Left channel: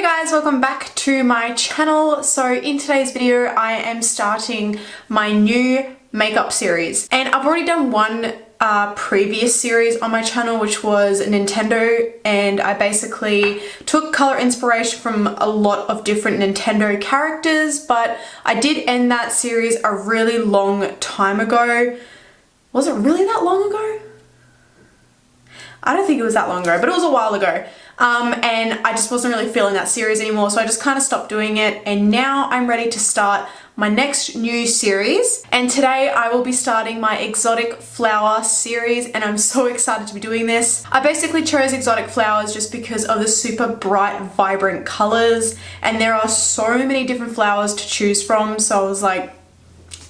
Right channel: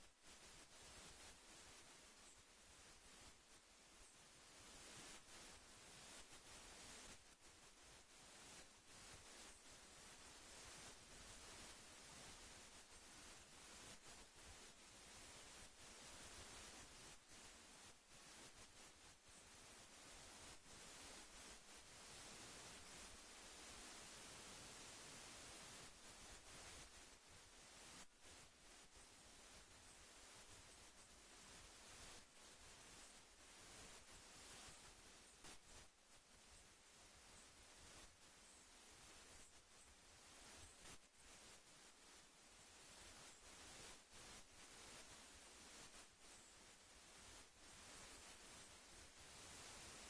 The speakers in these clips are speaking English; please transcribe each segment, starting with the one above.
Hey guys, welcome back to my channel. So in today's video I am starting my new makeup series, and I've already done one previous series on my channel, which was Nintendo, and I basically took color inspiration from a lot of different Nintendo characters, but I did end that series a really long time ago. Was it really that long ago? I don't think it was that long ago, but it was a while ago. And I just wasn't really feeling that series anymore, so I just kind of stopped doing it, and now I'm ready to start my next new series. And today I will be starting my exotic flower series, and I'm so excited to be doing this. I basically chose exotic flowers just because of the super bright, vibrant colors, and there are so many different flowers to choose from, so I was like,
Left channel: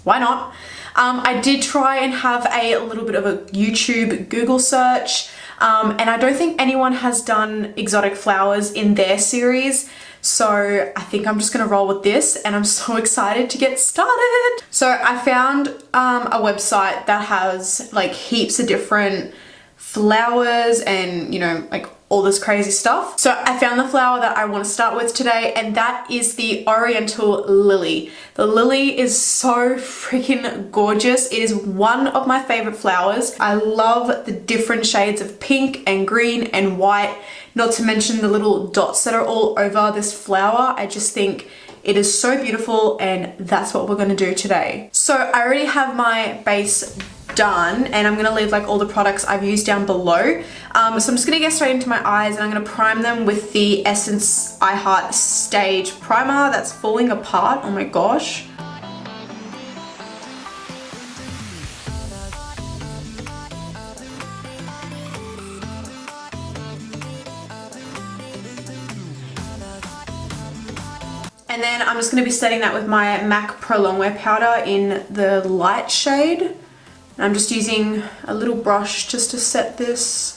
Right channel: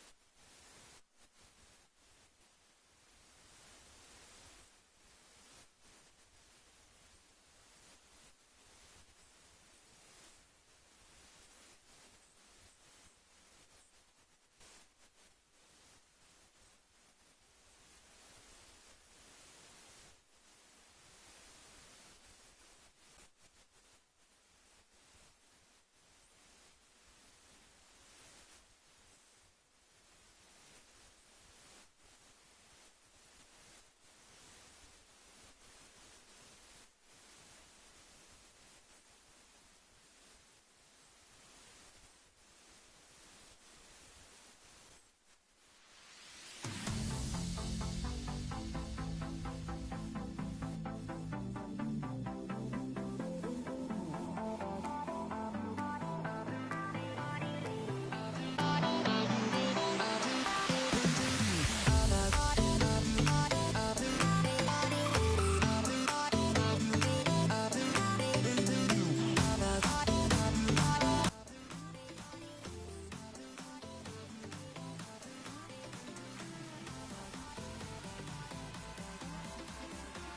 why not? I did try and have a little bit of a YouTube Google search, and I don't think anyone has done exotic flowers in their series, so I think I'm just gonna roll with this, and I'm so excited to get started. So I found a website that has like heaps of different flowers and, you know, like all this crazy stuff. So I found the flower that I want to start with today, and that is the Oriental lily. The lily is so freaking gorgeous. It is one of my favorite flowers. I love the different shades of pink and green and white, not to mention the little dots that are all over this flower. I just think it is so beautiful, and that's what we're going to do today. So I already have my base done, and I'm gonna leave like all the products I've used down below. So I'm just gonna get straight into my eyes, and I'm gonna prime them with the Essence I Heart Stage Primer that's falling apart. Oh my gosh. And then I'm just gonna be setting that with my MAC Pro Longwear powder in the light shade. I'm just using a little brush just to set this.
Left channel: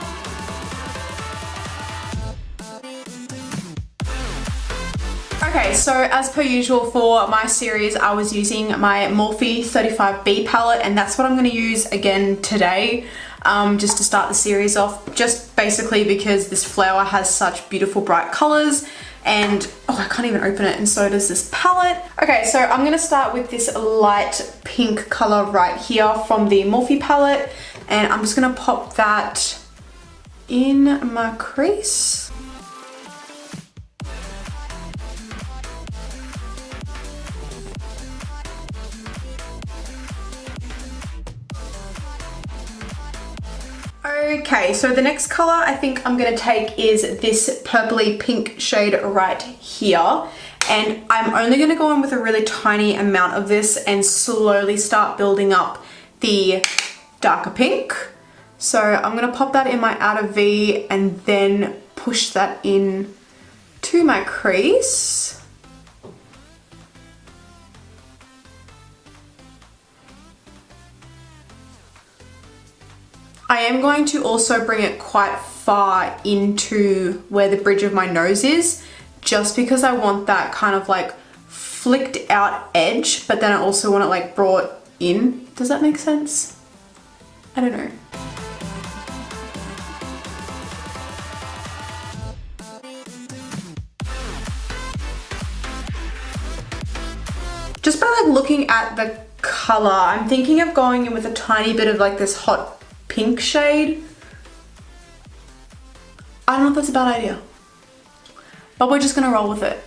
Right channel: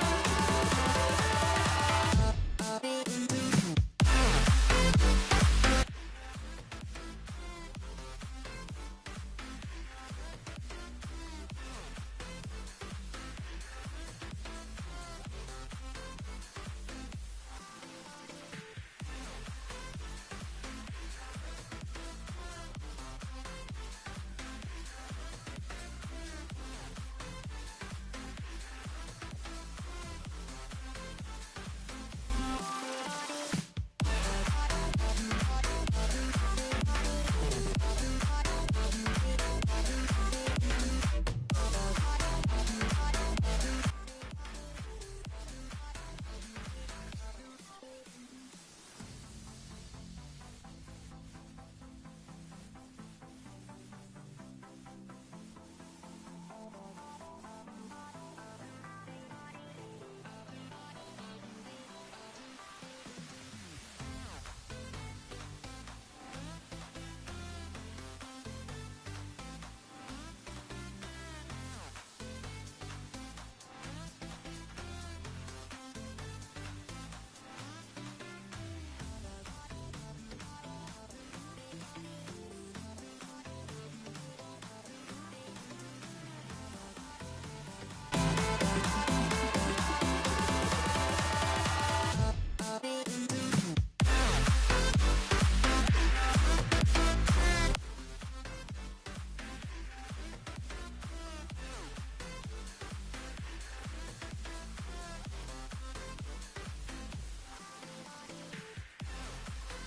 Okay, so as per usual for my series, I was using my Morphe 35B palette, and that's what I'm going to use again today, just to start the series off, just basically because this flower has such beautiful bright colors. And oh, I can't even open it, and so does this palette. Okay, so I'm gonna start with this light pink color right here from the Morphe palette, and I'm just gonna pop that in my crease. Okay, so the next color I think I'm gonna take is this purpley pink shade right here, and I'm only gonna go in with a really tiny amount of this and slowly start building up the darker pink. So I'm gonna pop that in my outer V and then push that in to my crease. I am going to also bring it quite far into where the bridge of my nose is, just because I want that kind of like flicked out edge, but then I also want it like brought in. Does that make sense? I don't know. Just by like looking at the color, I'm thinking of going in with a tiny bit of like this hot pink shade. I don't know if that's a bad idea, but we're just gonna roll with it.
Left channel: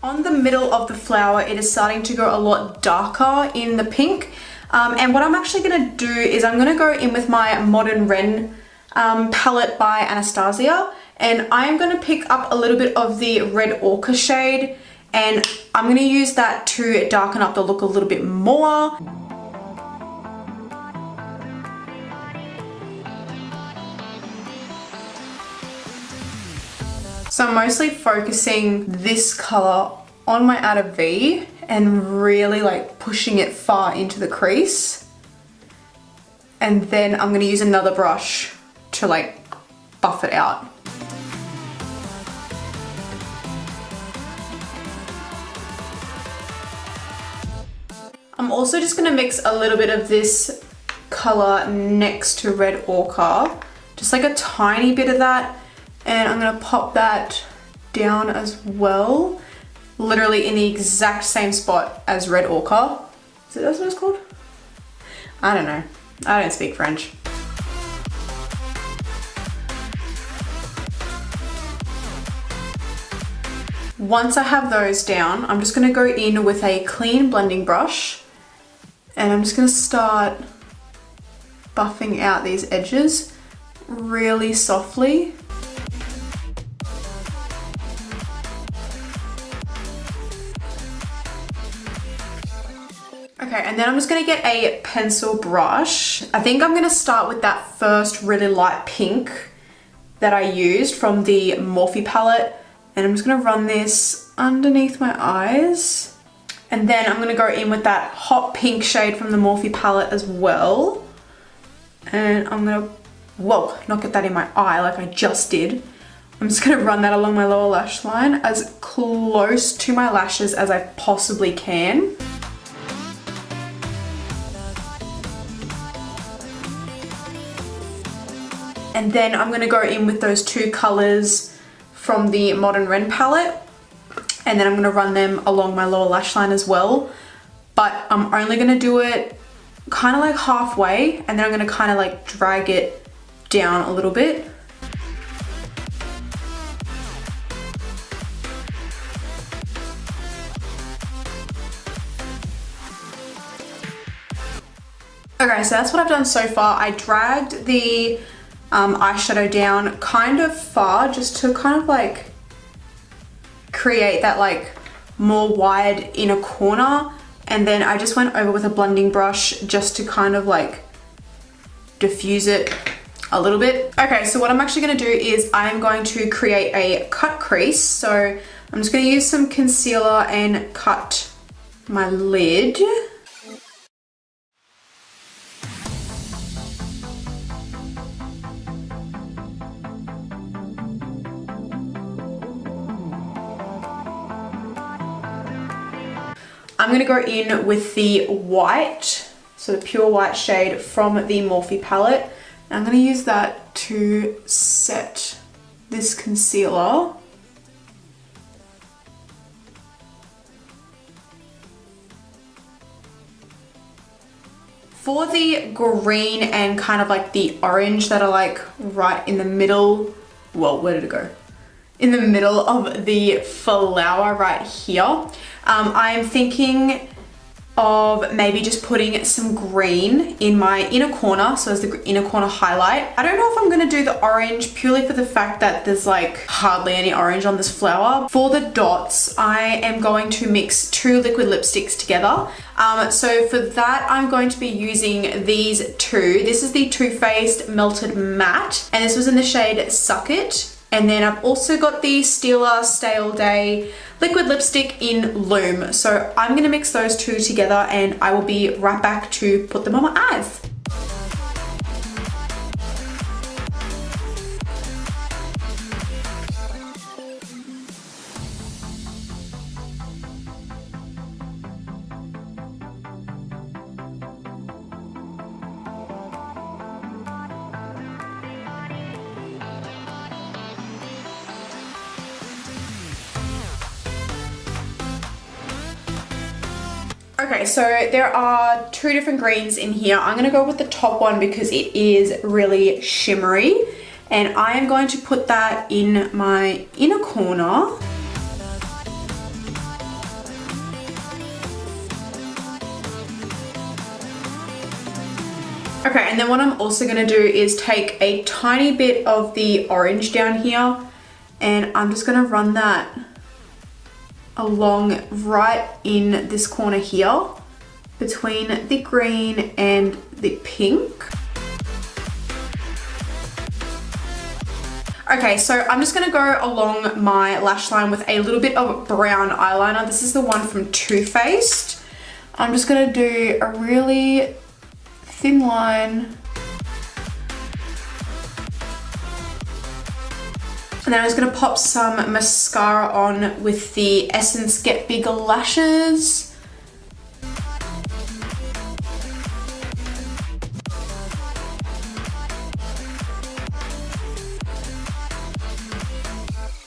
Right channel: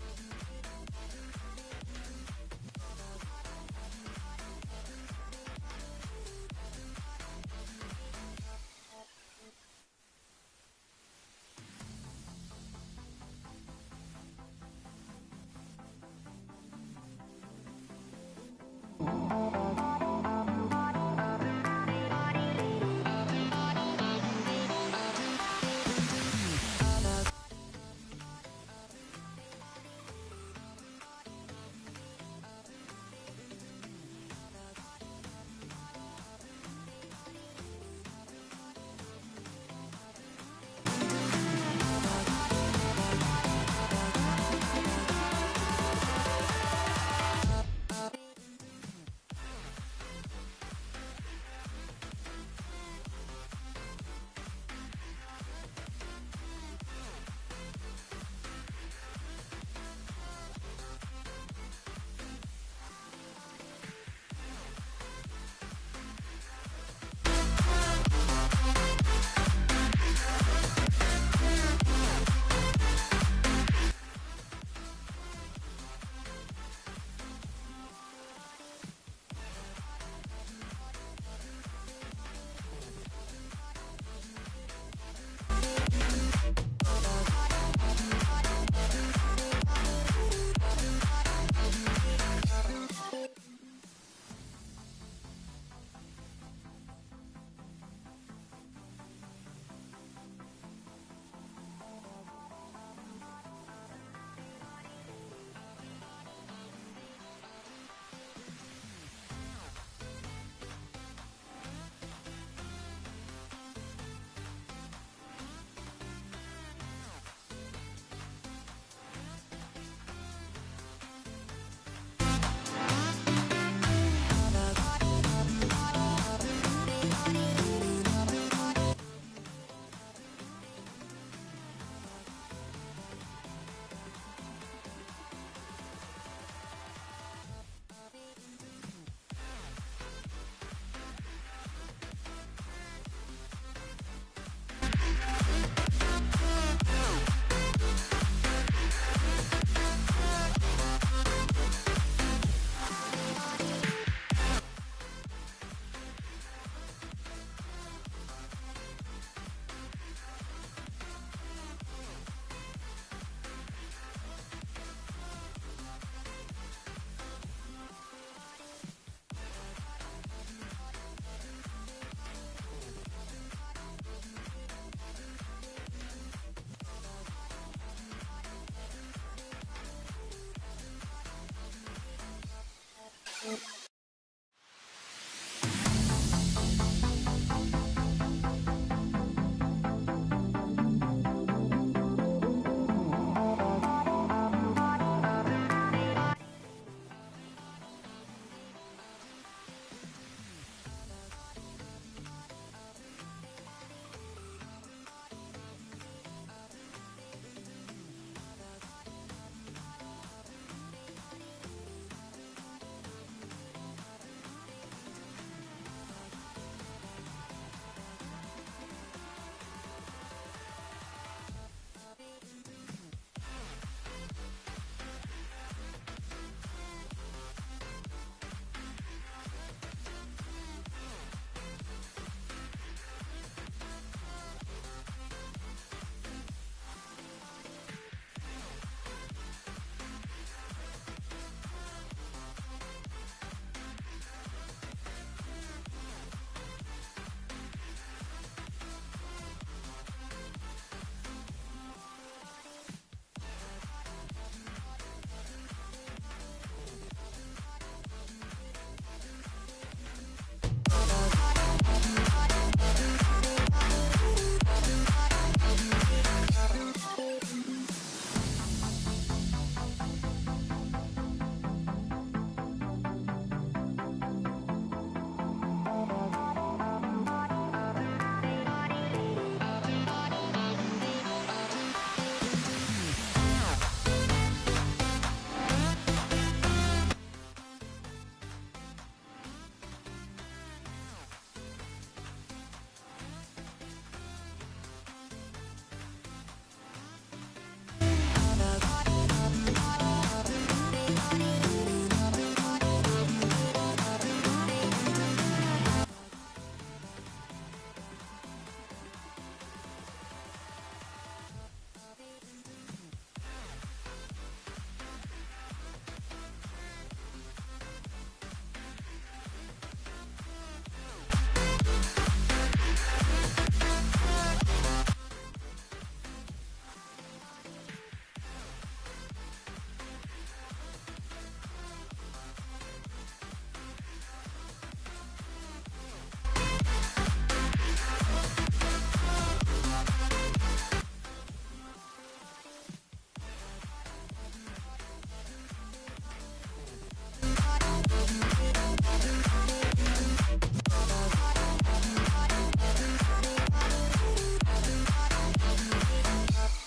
On the middle of the flower, it is starting to go a lot darker in the pink. And what I'm actually gonna do is I'm gonna go in with my Modern Ren palette by Anastasia, and I'm gonna pick up a little bit of the Red Ochre shade, and I'm gonna use that to darken up the look a little bit more. So I'm mostly focusing this color on my outer V and really like pushing it far into the crease. And then I'm gonna use another brush to like buff it out. I'm also just gonna mix a little bit of this color next to red ochre, just like a tiny bit of that, and I'm gonna pop that down as well, literally in the exact same spot as red ochre. Is it that's what it's called? I don't know. I don't speak French. Once I have those down, I'm just gonna go in with a clean blending brush, and I'm just gonna start buffing out these edges really softly. Okay, and then I'm just gonna get a pencil brush. I think I'm gonna start with that first really light pink that I used from the Morphe palette, and I'm just gonna run this underneath my eyes. And then I'm gonna go in with that hot pink shade from the Morphe palette as well. And I'm gonna, whoa, not get that in my eye like I just did. I'm just gonna run that along my lower lash line as close to my lashes as I possibly can. And then I'm gonna go in with those two colors from the Modern Ren palette, and then I'm gonna run them along my lower lash line as well. But I'm only gonna do it kind of like halfway, and then I'm gonna kind of like drag it down a little bit. Okay, so that's what I've done so far. I dragged the eyeshadow down kind of far just to kind of like create that like more wide inner corner, and then I just went over with a blending brush just to kind of like diffuse it a little bit. Okay, so what I'm actually going to do is I'm going to create a cut crease. So I'm just going to use some concealer and cut my lid. I'm going to go in with the white, so the pure white shade from the Morphe palette. And I'm going to use that to set this concealer. For the green and kind of like the orange that are like right in the middle, well, where did it go? In the middle of the flower right here. I'm thinking of maybe just putting some green in my inner corner, so as the inner corner highlight. I don't know if I'm gonna do the orange purely for the fact that there's like hardly any orange on this flower. For the dots, I am going to mix two liquid lipsticks together. So for that, I'm going to be using these two. This is the Too Faced Melted Matte, and this was in the shade Suck It. And then I've also got the Stila Stay All Day liquid lipstick in Loom. So I'm gonna mix those two together and I will be right back to put them on my eyes. Okay, so there are two different greens in here. I'm gonna go with the top one because it is really shimmery, and I am going to put that in my inner corner. Okay, and then what I'm also gonna do is take a tiny bit of the orange down here, and I'm just gonna run that along right in this corner here between the green and the pink. Okay, so I'm just gonna go along my lash line with a little bit of brown eyeliner. This is the one from Too Faced. I'm just gonna do a really thin line. And then I'm just gonna pop some mascara on with the Essence Get Bigger Lashes.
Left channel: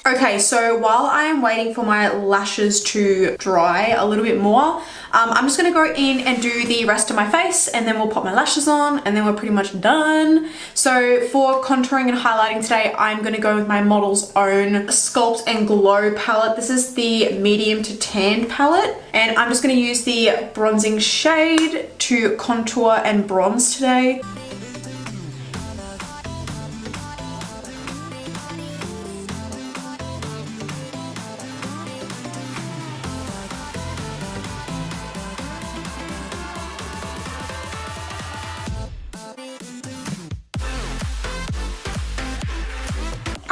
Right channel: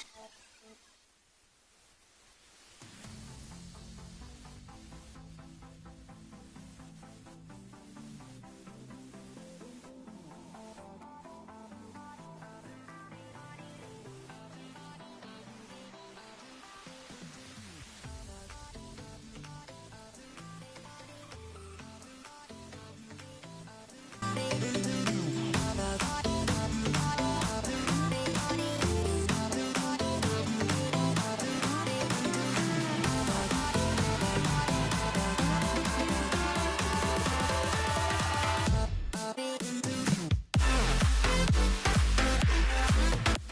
Okay, so while I am waiting for my lashes to dry a little bit more, I'm just gonna go in and do the rest of my face, and then we'll pop my lashes on, and then we're pretty much done. So for contouring and highlighting today, I'm gonna go with my Model's Own Sculpt and Glow palette. This is the medium to tan palette, and I'm just gonna use the bronzing shade to contour and bronze today.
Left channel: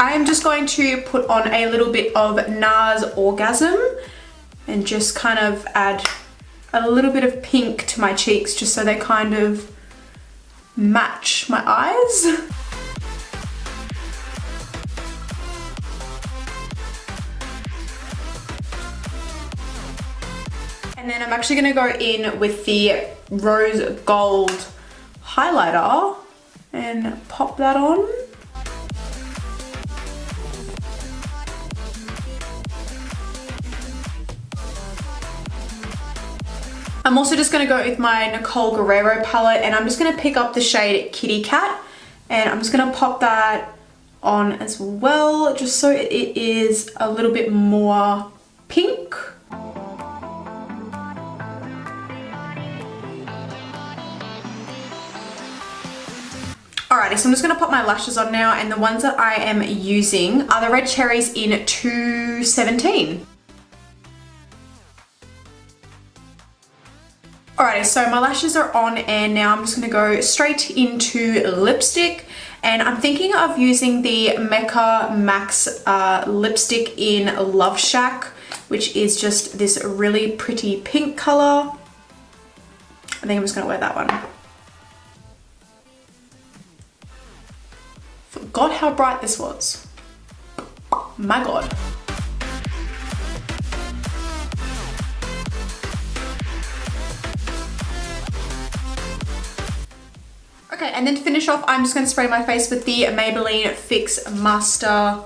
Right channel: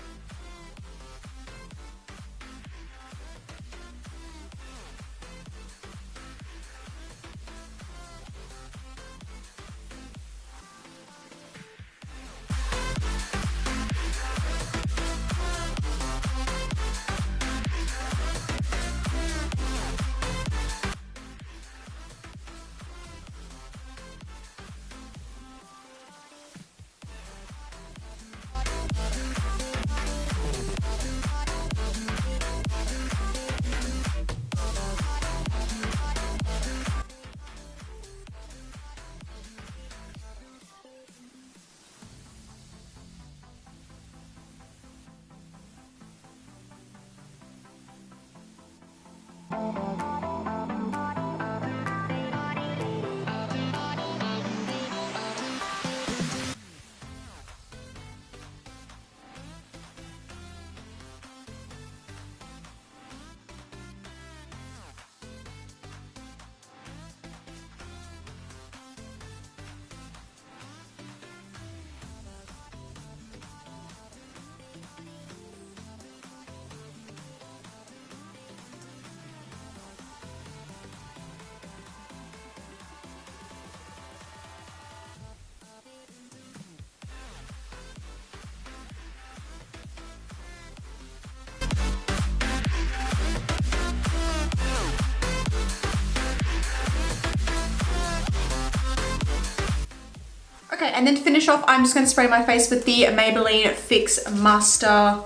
I am just going to put on a little bit of NARS Orgasm and just kind of add a little bit of pink to my cheeks just so they kind of match my eyes. And then I'm actually going to go in with the Rose Gold highlighter and pop that on. I'm also just going to go with my Nicole Guerrero palette, and I'm just going to pick up the shade Kitty Cat, and I'm just going to pop that on as well, just so it is a little bit more pink. Alrighty, so I'm just going to pop my lashes on now, and the ones that I am using are the Red Cherries in 217. Alrighty, so my lashes are on, and now I'm just going to go straight into lipstick, and I'm thinking of using the Mecca Max lipstick in Love Shack, which is just this really pretty pink color. I think I'm just going to wear that one. Forgot how bright this was. My god. Okay, and then to finish off, I'm just going to spray my face with the Maybelline Fix Master,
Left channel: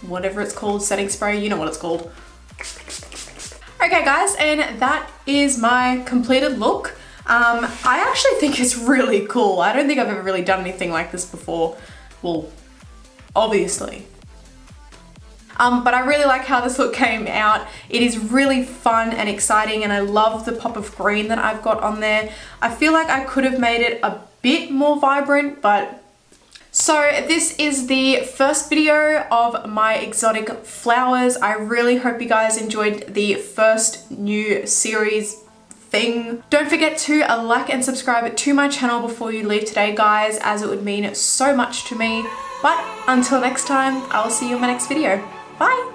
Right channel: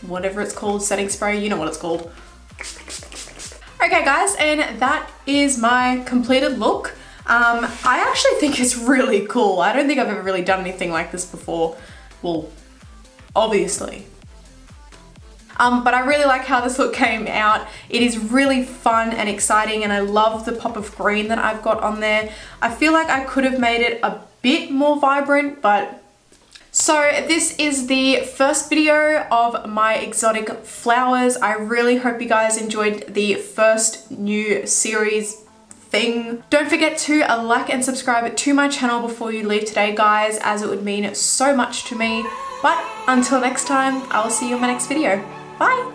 whatever it's called, setting spray, you know what it's called. Okay guys, and that is my completed look. I actually think it's really cool. I don't think I've ever really done anything like this before. Well, obviously. But I really like how this look came out. It is really fun and exciting, and I love the pop of green that I've got on there. I feel like I could have made it a bit more vibrant, but... So this is the first video of my exotic flowers. I really hope you guys enjoyed the first new series thing. Don't forget to like and subscribe to my channel before you leave today, guys, as it would mean so much to me. But until next time, I will see you in my next video. Bye!